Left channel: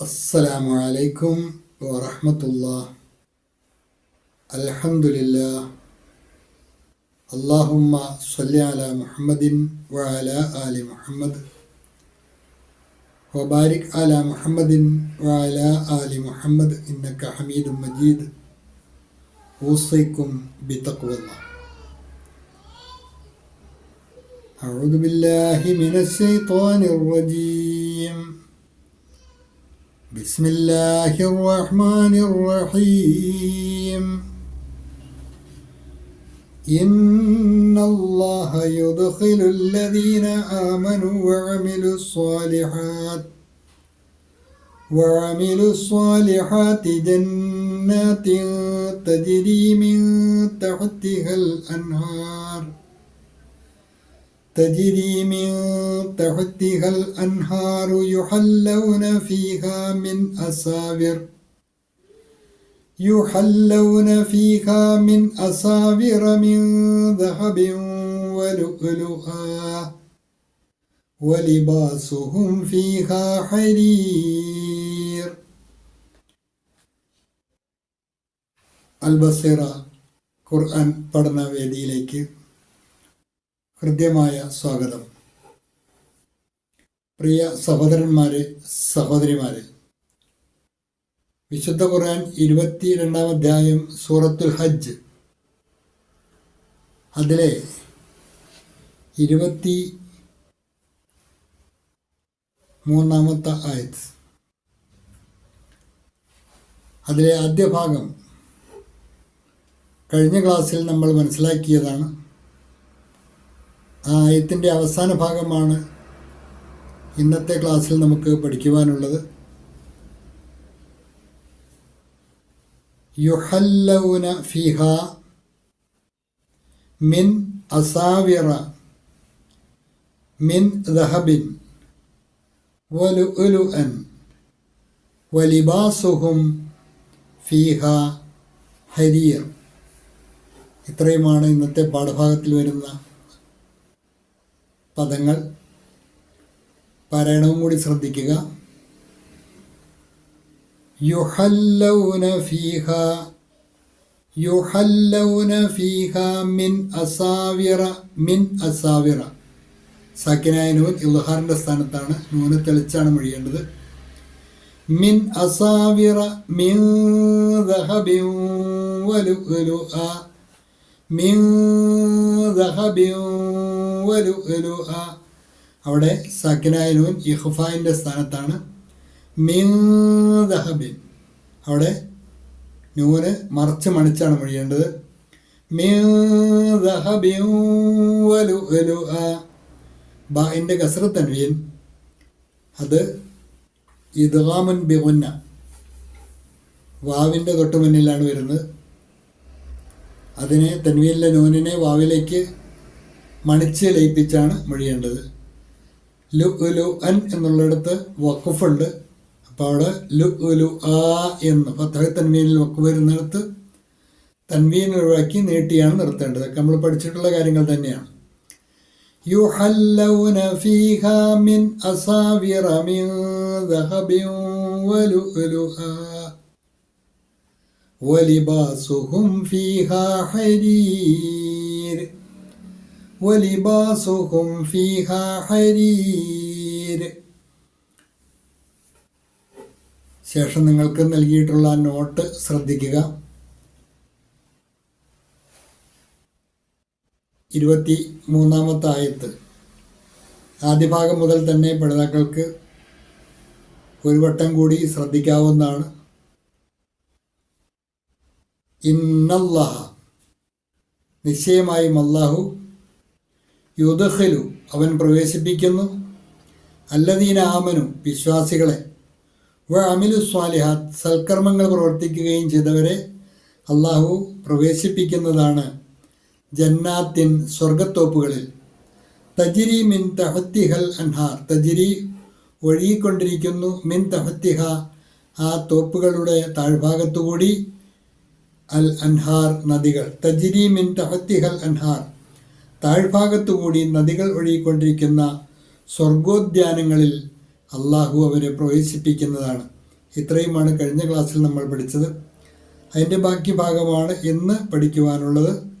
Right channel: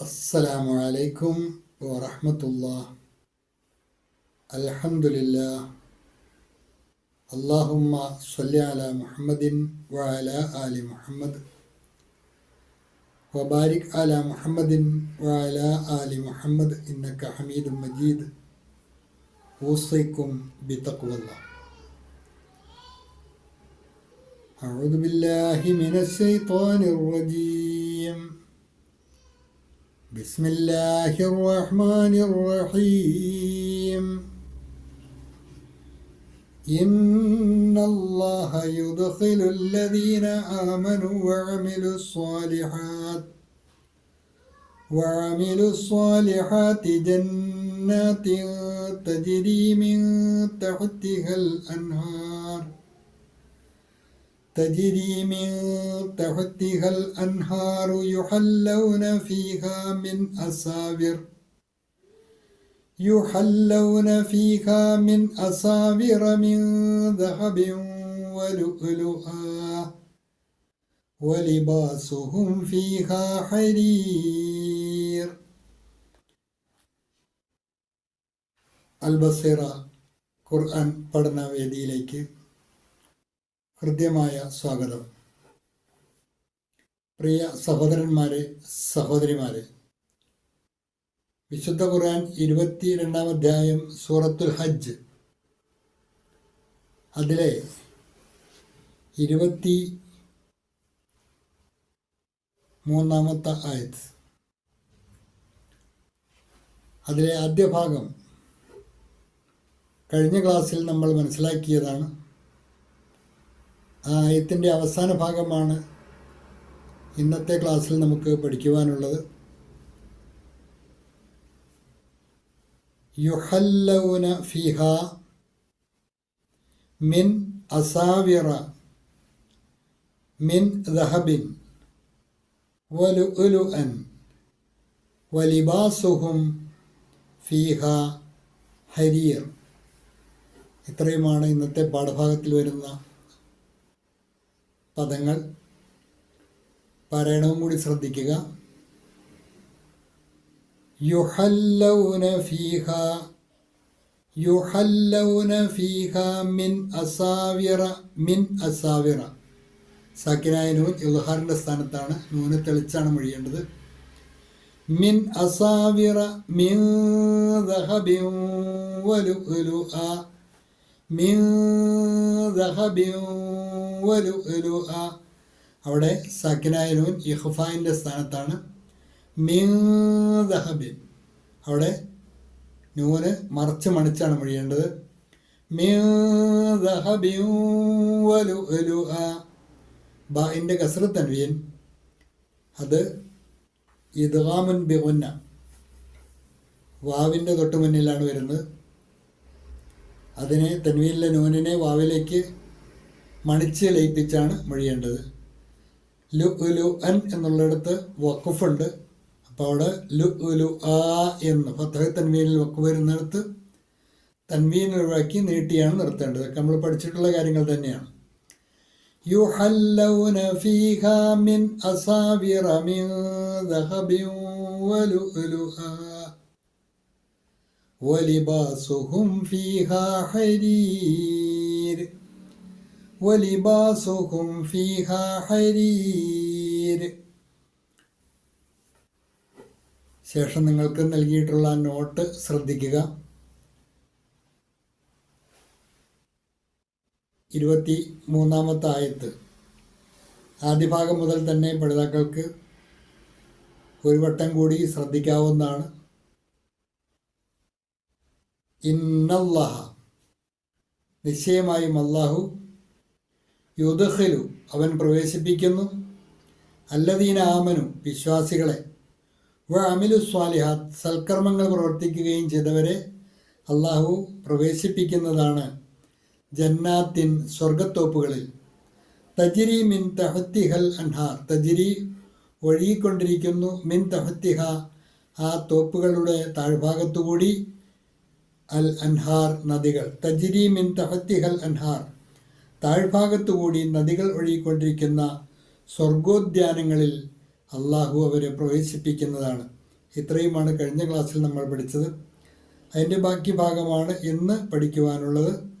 السلام عليكم ورحمة الله الحمد لله اللهم صل على محمد وعلى آل محمد وبارك على محمد وعلى آل محمد إنك حميد مجيد أوصيكم بتقوى الله أعوذ بالله من الشيطان الرجيم بسم الله الرحمن الرحيم. إن الله يدخل الذين آمنوا وعملوا الصالحات وعملوا الصالحات جنات تجري من تحتها الأنهار. تجري من تحتها الأنهار يحلون فيها من أساور يحلون فيها من أساور من ذهب ولؤلؤا ولباسهم فيها حرير അൽബസീറ ഖുർആൻ പഠന വേദിയിലേക്ക് ഹൃദ്യമായ സ്വാഗതം. പ്രിയ സഹോദരന്മാരെ സഹോദരിമാരെ വിശുദ്ധ ഖുർആൻ ഇരുപത്തി രണ്ടാം അധ്യായം സൂറത്തുൽ ഹജ്ജ്. അതിലെ ഇരുപത്തി മൂന്നാമത്തെ ആയത്. അതിലെ ആദ്യ ഭാഗം കഴിഞ്ഞ ക്ലാസ്സിൽ നമ്മൾ മനസ്സിലാക്കിയതാണ്. ആയത്തിന്റെ അവസാന ഭാഗമാണ് ഇന്നത്തെ ക്ലാസ്സിൽ നമുക്ക് പഠിക്കുവാനുള്ളത്. യുഹല്ലൗന ഫിഹ മിൻ അസാവിറ മിൻ ദഹബിൻ വലുഅൻ വലിബാസുഹും ഫീഹ ഹരിയർ ഇത്രയുമാണ് ഇന്നത്തെ പാഠഭാഗത്തിൽ വരുന്ന പദങ്ങൾ പാരായണവും കൂടി ശ്രദ്ധിക്കുക. യുഹല്ലൗന യുഹല്ലൗന മിൻ അസാവിറ മിൻ അസാവിറ. സ്ഥാനത്താണ് നൂന് തെളിച്ചാണ് മൊഴിയേണ്ടത്. മിൻ അസാവിറ മിൻ ദഹബിൻ വലുഅലുഅ അവിടെ സക്കിനായനൂൻ ഇഹ്ഫായിന്റെ സ്ഥാനത്താണ്. മിൻ ദഹബിൻ അവിടെ നൂന് മറച്ച് മണിച്ചാണ് മൊഴിയേണ്ടത്. ബാഇന്റെ കസറ് തൻവീൻ. അത് ഇദ്ഗാമുൻ ബിഗുന്ന. വാവിന്റെ തൊട്ടുമുന്നിലാണ് വരുന്നത്. അതിനെ തൻവീനിലെ നൂനിനെ വാവിലേക്ക് മണിച്ച് ലയിപ്പിച്ചാണ് മൊഴിയേണ്ടത് ലു ഉലു അൻ എന്നുള്ളിടത്ത് വക്കുഫുണ്ട് അപ്പോൾ അവിടെ ലു ഉലു ആ എന്ന് ഫത്തഹ തൻവീനിൽ വക്ക് വരുന്നിടത്ത് തൻവീൻ ഒഴിവാക്കി നീട്ടിയാണ് നിർത്തേണ്ടത് നമ്മൾ പഠിച്ചിട്ടുള്ള കാര്യങ്ങൾ തന്നെയാണ് يحلون فيها من أصابر من ذهب ولؤلؤا ولباسهم فيها حرير ولباسهم فيها حرير ശേഷം നിങ്ങൾക്ക് നൽകിയിട്ടുള്ള നോട്ട് ശ്രദ്ധിക്കുക ഇരുപത്തി മൂന്നാമത്തെ ആയത്ത് ആദ്യ ഭാഗം മുതൽ തന്നെ പഠിതാക്കൾക്ക് ഒരു വട്ടം കൂടി ശ്രദ്ധിക്കാവുന്നതാണ് ഇന്നല്ലാഹ നിശ്ചയമായും അള്ളാഹു യുദഖലു അവൻ പ്രവേശിപ്പിക്കുന്നു. അല്ലദീന ആമനു വിശ്വാസികളെ. വ അമിലു സ്വാലിഹാത്ത് സൽക്കർമ്മങ്ങൾ പ്രവർത്തിക്കുകയും ചെയ്തവരെ അള്ളാഹു പ്രവേശിപ്പിക്കുന്നതാണ് ജന്നാത്തിൻ സ്വർഗത്തോപ്പുകളിൽ തജിരി മിൻ തഹത്തിഹൽ അൻഹാർ തജിരി ഒഴുകിക്കൊണ്ടിരിക്കുന്നു മിൻ തഹത്തിഹ ആ തോപ്പുകളുടെ താഴ്ഭാഗത്തുകൂടി അൽ അൻഹാർ നദികൾ. തജിരി മിൻ തഹത്തിഹൽ അൻഹാർ താഴ്ഭാഗത്തുകൂടി നദികൾ ഒഴുകിക്കൊണ്ടിരിക്കുന്ന സ്വർഗോദ്യാനങ്ങളിൽ അള്ളാഹു അവരെ പ്രവേശിപ്പിക്കുന്നതാണ്. ഇത്രയുമാണ് കഴിഞ്ഞ ക്ലാസ്സിൽ നമ്മൾ പഠിച്ചത്. അതിന്റെ ബാക്കി ഭാഗമാണ് ഇന്ന് പഠിക്കുവാനുള്ളത്.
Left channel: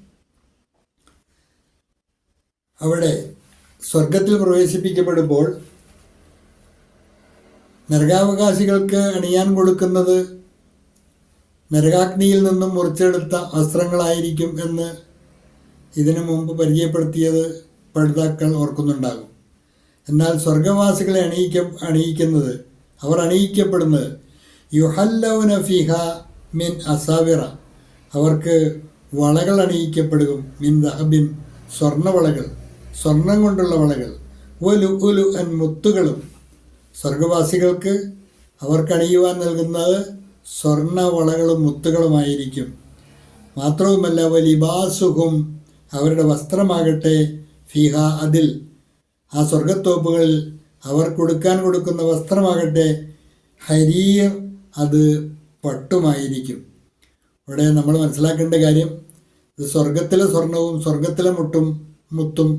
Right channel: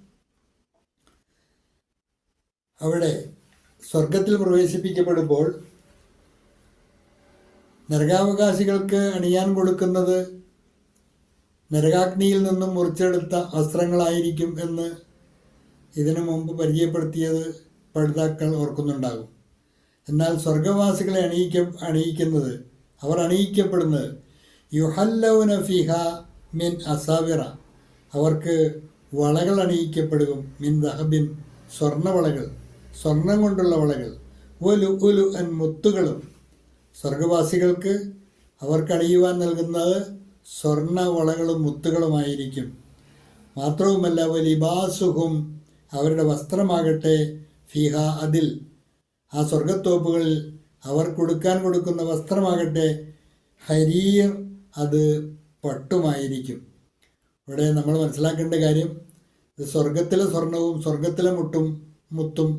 അവിടെ സ്വർഗത്തിൽ പ്രവേശിപ്പിക്കപ്പെടുമ്പോൾ നരകാവകാശികൾക്ക് അണിയാൻ കൊടുക്കുന്നത് നരകാഗ്നിയിൽ നിന്നും മുറിച്ചെടുത്ത വസ്ത്രങ്ങളായിരിക്കും എന്ന് ഇതിനു മുമ്പ് പരിചയപ്പെടുത്തിയത് പഠിതാക്കൾ ഓർക്കുന്നുണ്ടാകും. എന്നാൽ സ്വർഗവാസികളെ അണിയിക്ക അണിയിക്കുന്നത് അവർ അണിയിക്കപ്പെടുന്നത് യുഹല്ലൗന ഫിഹ മിൻ അസാവിറ. അവർക്ക് വളകൾ അണിയിക്കപ്പെടും. മിൻ ദഹബിൻ സ്വർണവളകൾ സ്വർണം കൊണ്ടുള്ള വളകൾ ഒലു ഒലു അൻ മുത്തുകളും. സ്വർഗവാസികൾക്ക് അവർക്ക് അണിയുവാൻ നൽകുന്നത് സ്വർണവളകളും മുത്തുകളുമായിരിക്കും. മാത്രവുമല്ല വലിബാസുഹും അവരുടെ വസ്ത്രമാകട്ടെ ഫിഹ അതിൽ. ആ സ്വർഗത്തോപ്പുകളിൽ അവർ കൊടുക്കാൻ കൊടുക്കുന്ന വസ്ത്രമാകട്ടെ ഹരീർ അത് പട്ടുമായിരിക്കും. ഇവിടെ നമ്മൾ മനസ്സിലാക്കേണ്ട കാര്യം സ്വർഗത്തിലെ സ്വർണവും സ്വർഗത്തിലെ മുട്ടും മുത്തും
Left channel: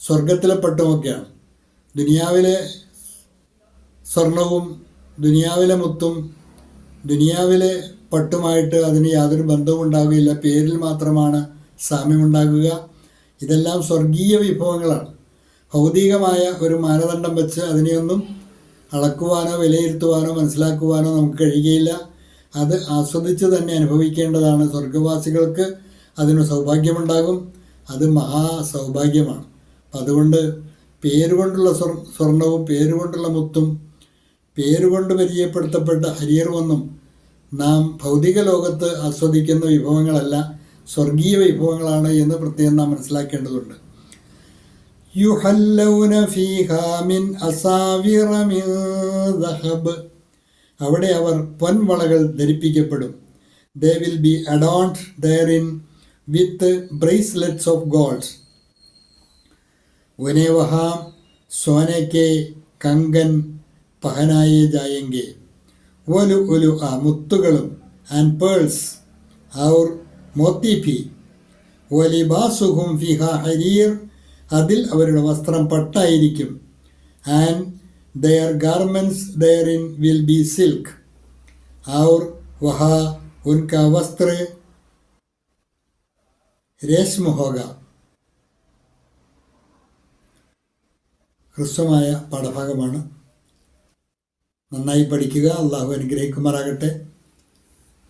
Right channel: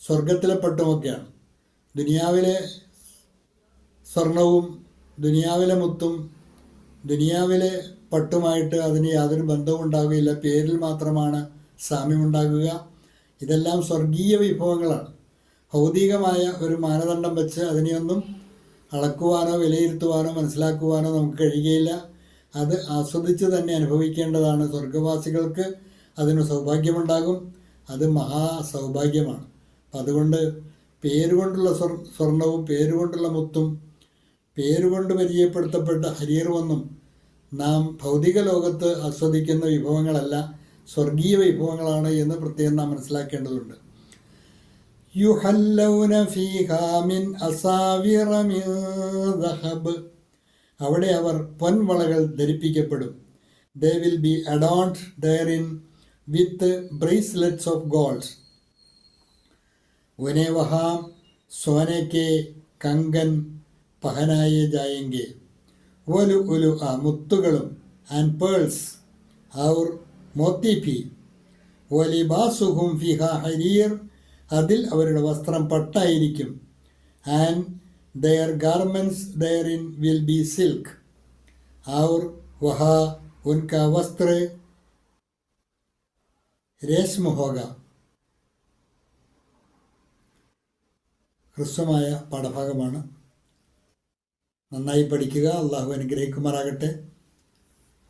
സ്വർഗത്തിലെ പട്ടുമൊക്കെയാണ് ദുനിയാവിലെ സ്വർണവും ദുനിയാവിലെ മുത്തും ദുനിയാവിലെ പട്ടുമായിട്ട് അതിന് യാതൊരു ബന്ധവും ഉണ്ടാവുകയില്ല. പേരിൽ മാത്രമാണ് സാമ്യമുണ്ടാകുക. ഇതെല്ലാം സ്വർഗീയ വിഭവങ്ങളാണ്. ഭൗതികമായ ഒരു മാനദണ്ഡം വെച്ച് അതിനെയൊന്നും അളക്കുവാനോ വിലയിരുത്തുവാനോ മനസ്സിലാക്കുവാനോ നമുക്ക് കഴിയുകയില്ല. അത് ആസ്വദിച്ച് തന്നെ അനുഭവിക്കേണ്ടതാണ്. സ്വർഗവാസികൾക്ക് അതിന് സൗഭാഗ്യമുണ്ടാകും. അത് മഹാ സൗഭാഗ്യമാണ് അതുകൊണ്ട് പേരുകൊണ്ടുള്ള സ്വർ സ്വർണവും പേരുകൊണ്ടുള്ള മുത്തും പേരുകൊണ്ട് പരിചയപ്പെടുത്തപ്പെട്ട ഹരിയറുമൊന്നും നാം ഭൗതിക ലോകത്ത് ആസ്വദിക്കുന്ന വിഭവങ്ങളല്ല. സ്വർഗീയ വിഭവങ്ങളാണ് എന്ന് പ്രത്യേകം നാം മനസ്സിലാക്കേണ്ടതുണ്ട്. അവിടെ അവർ പൊൻവളകൾ ധരിപ്പിക്കപ്പെടും. They will be adorned therein with bracelets of gold ഉനേവഹാം സോനക്കെ കങ്കൻ പഹനായ ജായങ്കെ. ഒലു ഒലു ആ മുത്തുകളും ആൻഡ് പേൾസ് അവർ മോത്തിഫി വലിബാസുഹും ഫിഹ ഹരീർ. അതിൽ അവരുടെ വസ്ത്രം പട്ടായിരിക്കും. And their garments their in will be silk. Our വഹ ഉൻക വസ്ത്ര. രേഷ്മ ഹ്രസ്വമായ പാഠഭാഗമാണ്. നന്നായി പഠിക്കുക. അള്ളാഹു അനുഗ്രഹിക്കുമാറാകട്ടെ.